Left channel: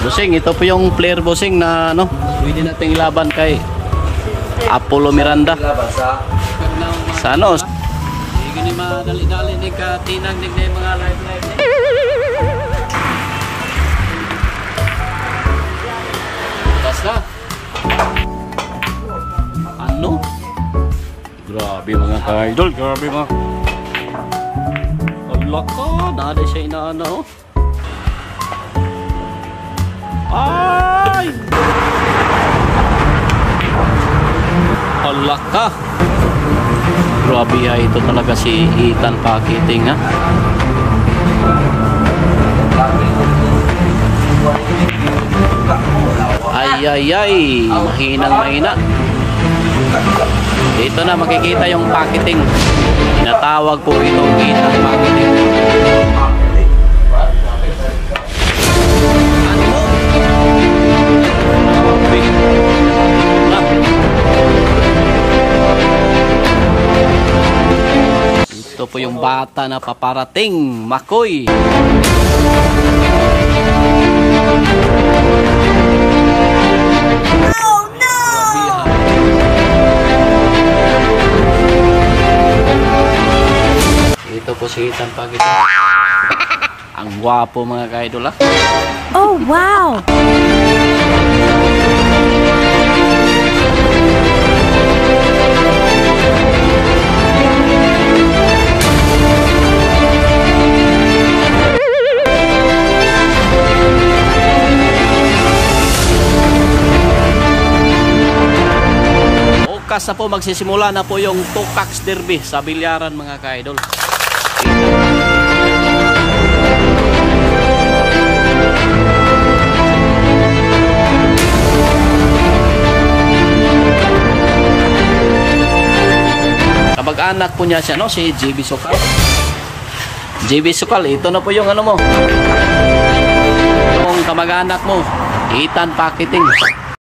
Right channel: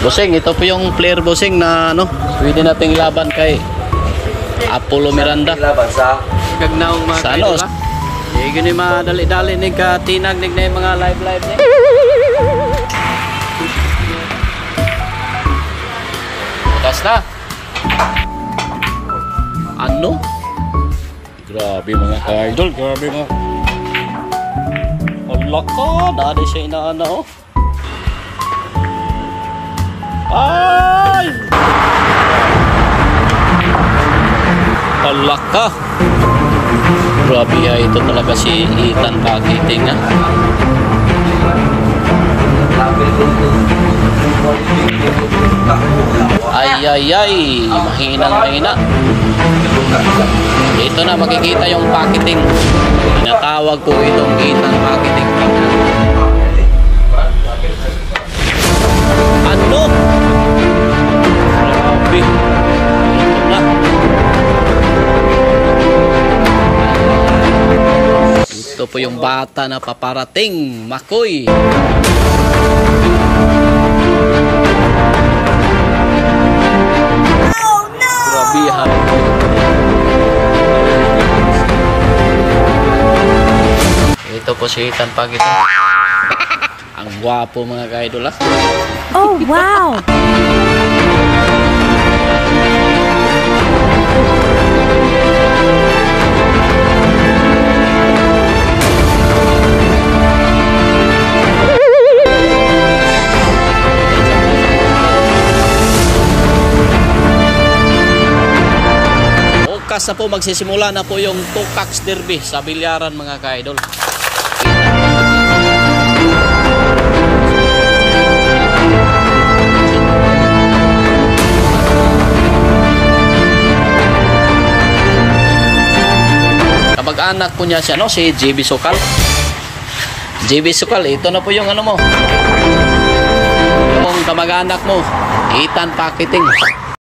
Bossing, ito po yung player bossing na ano, pwede nating ilaban kay Apollo Miranda. Laban sa Kagnaong mga sa ano? Gini madali-dali ning katinag ning mga live ni. Das na. Ano? Grabe mga ka-idol, grabe mga. Ala ka, dali siya inaana oh. Ay! Ala ka. Grabe ya, ito talaga si Ethan Pakiting ha. Ay, mahinang-mahina. Ito na, makikita yung Pakiting. Natawag po itong Ethan Pakiting. Ano? Grabe. Na. Ito po yung bata na paparating, Makoy. Oh no! Ito po si Ethan Pakiting. Ang gwapo mga ka-idol ha. Oh wow! Bukas na po magsisimula na po yung Tukax Derby sa Bilyaran mga ka-idol. Kamag-anak po niya siya no, si JB Sokal. JB Sokal, ito na po yung ano mo. Kung kamag-anak mo, Ethan Pakiting.